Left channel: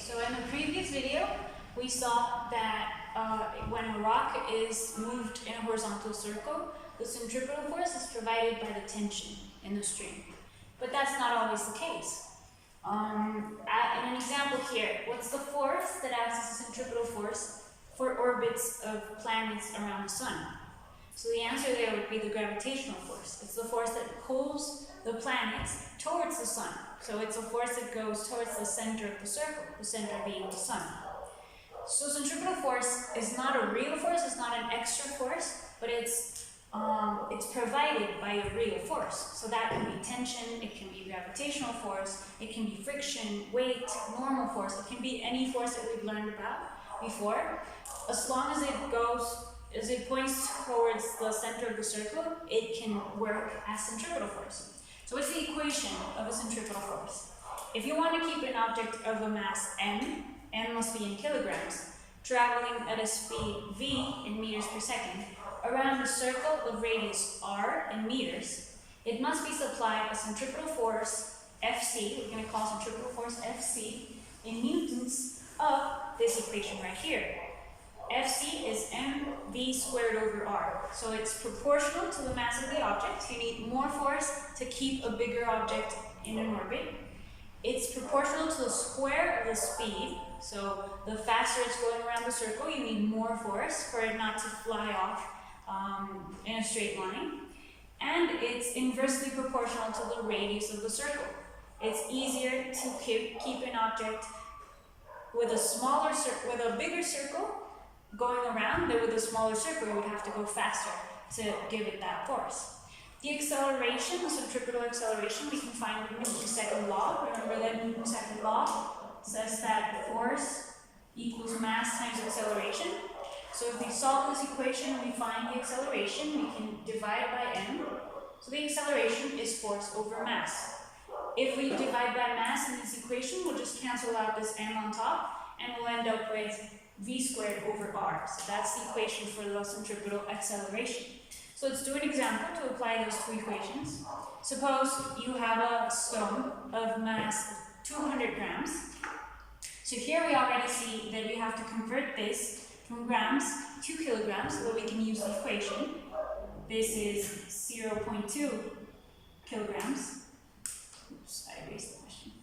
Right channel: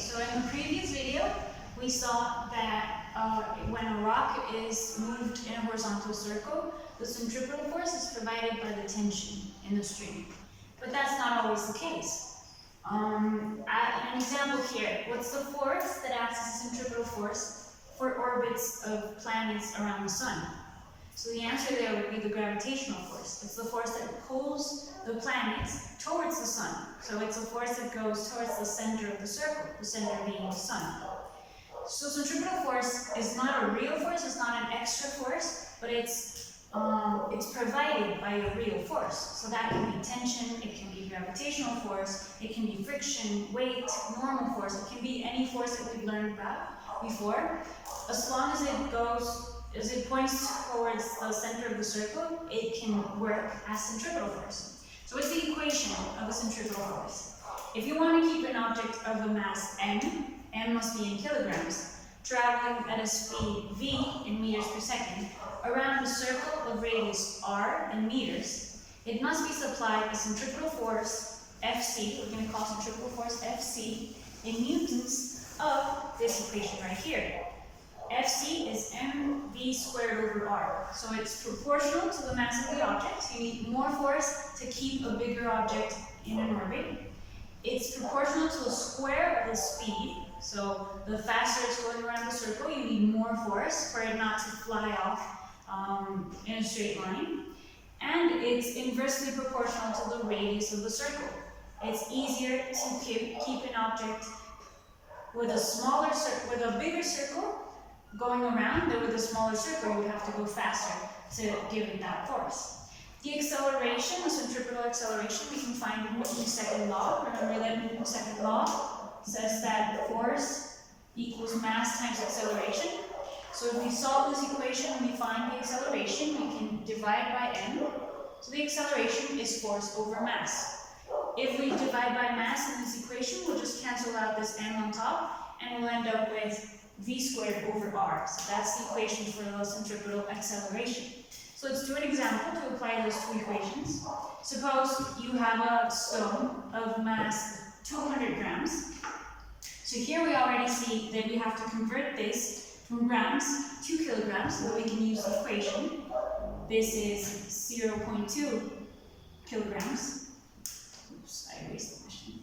so in the previous video, we saw that when a rock is moved in a horizontal circle, the centripetal force is provided by the tension in the string. But that's not always the case. In an example here, what's the force that acts as a centripetal force for orbits of planets around the sun? So the answer there would be the gravitational force. It's the force that pulls the planets towards the sun. So it's a force that goes towards the center of the circle, the center being the sun. So centripetal force is not a real force, it's not an extra force, but it's provided by a real force. So that can be tension, it can be gravitational force, it can be friction, weight, normal force, it can be any force that we've learned about before. As long as it points towards the center of the circle, it can work as centripetal force. So what's the equation of a centripetal force? If you want to keep an object of a mass m must be in kilograms, traveling at a speed v in meters per second, around a circle of radius r in meters, it must be supplied a centripetal force Fc, we're going to call centripetal force Fc, in newtons of this equation right here. Fc is mv squared over r. So it's proportional to the mass of the object. So you need more force to keep a bigger object in an orbit. It's proportional to the square of the speed. So the faster it's going around the circle, you need more force for it not to fly off in a straight line. And it's inversely proportional to the radius of the circle. It's easier to keep an object with a bigger circle going around than with a smaller circle. You would have to go faster to give it that force. The acceleration, the centripetal acceleration, we can find in Newton's second law. Remember that Newton's second law says that force equals mass times acceleration. So if we solve this equation and we find the acceleration, we can divide by m. So the acceleration is force over mass. If we divide by mass in this equation, we'll just cancel out this m on top, and we'll end up with v squared over r. So that's the equation for the centripetal acceleration. So let's do an example to apply those two equations. Suppose you have a stone of mass 200 grams. So here we already see that we have to convert this from grams to kilograms so that we can use the equation. This is 0.2 kilograms. Oops, I erased the machine.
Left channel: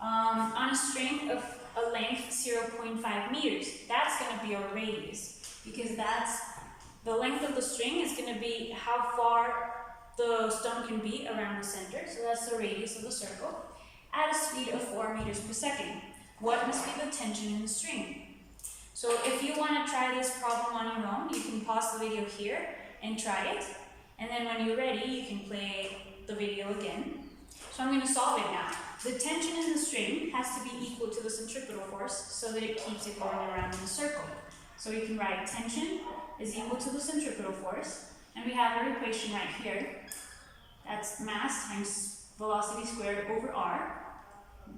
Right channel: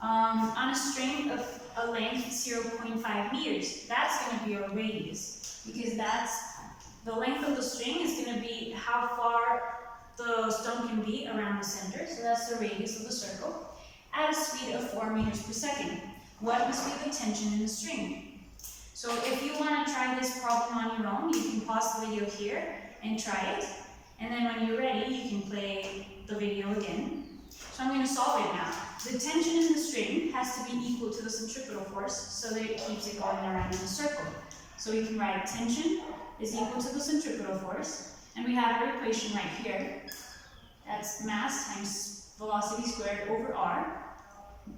On a string of a length 0.5 meters, that's going to be our radius, because the length of the string is going to be how far the stone can be around the center, so that's the radius of the circle, at a speed of 4 meters per second. What must be the tension in the string? So if you want to try this problem on your own, you can pause the video here and try it, and then when you're ready, you can play the video again. So I'm going to solve it now. The tension in the string has to be equal to the centripetal force so that it keeps it going around in a circle. So we can write tension is equal to the centripetal force, and we have our equation right here. That's mass times velocity squared over r,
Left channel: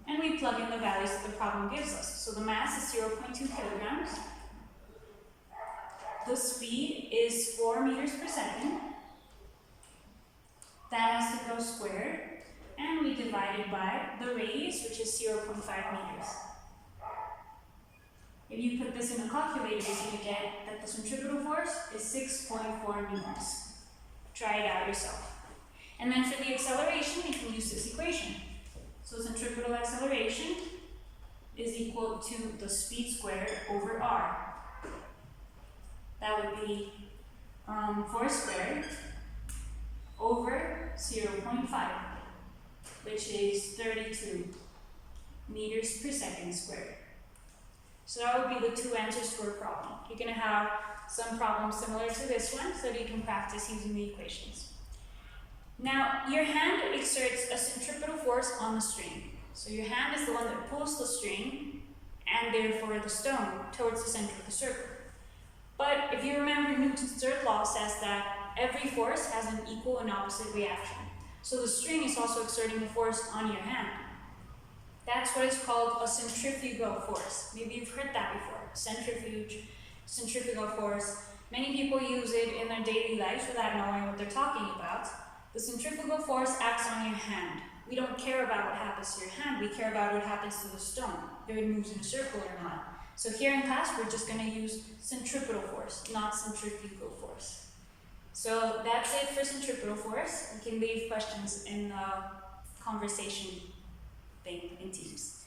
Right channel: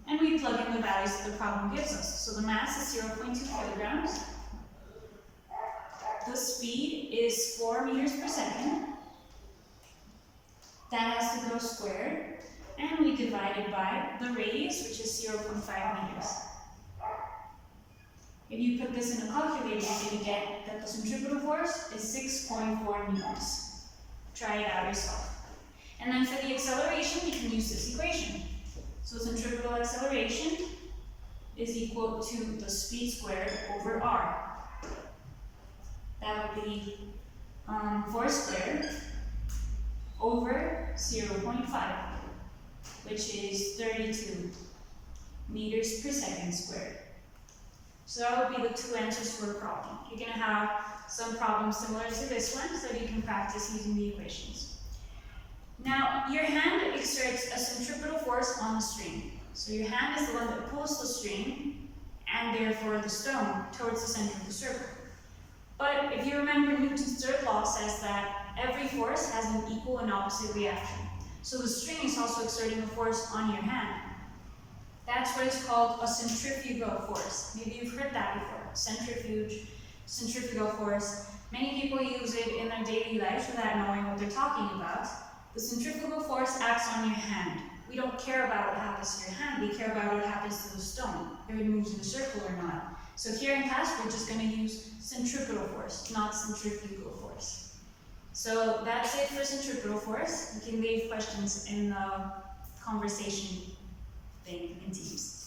and we plug in the values that the problem gives us. So the mass is 0.2 kilograms, the speed is 4 meters per second, that has to go squared, and we divide it by the radius, which is 0.5 meters. If you put this in a calculator, you're going to get that the centripetal force is 6.4 newtons. Try it out yourself. And then for the acceleration, we can use this equation. So centripetal acceleration is equal to the speed squared over r. That would be 4 squared over 0.5, which is 32 meters per second squared. So that would be the two answers to our problem. You're going to have some problems similar to this one so that you can practice using the equations. Now, your hand exerts a centripetal force on the string. So your hand is the one that pulls the string and therefore the stone towards the center of the circle. But if you remember, Newton's third law says that every force has an equal and opposite reaction. So the string is also exerting a force on your hand. That's what is called a centrifugal force. Maybe you've heard that before. Centrifugal force. Many people use it in their daily lives without knowing what they're talking about. The centrifugal force acts on your hand. we don't care about what happens to your hand, we care about what happens to the stone, if it moves in a circle or not. So here in class, we're just going to use centripetal force, not centrifugal force. So that's it for centripetal force. You can leave questions in the conversation thing in Teams.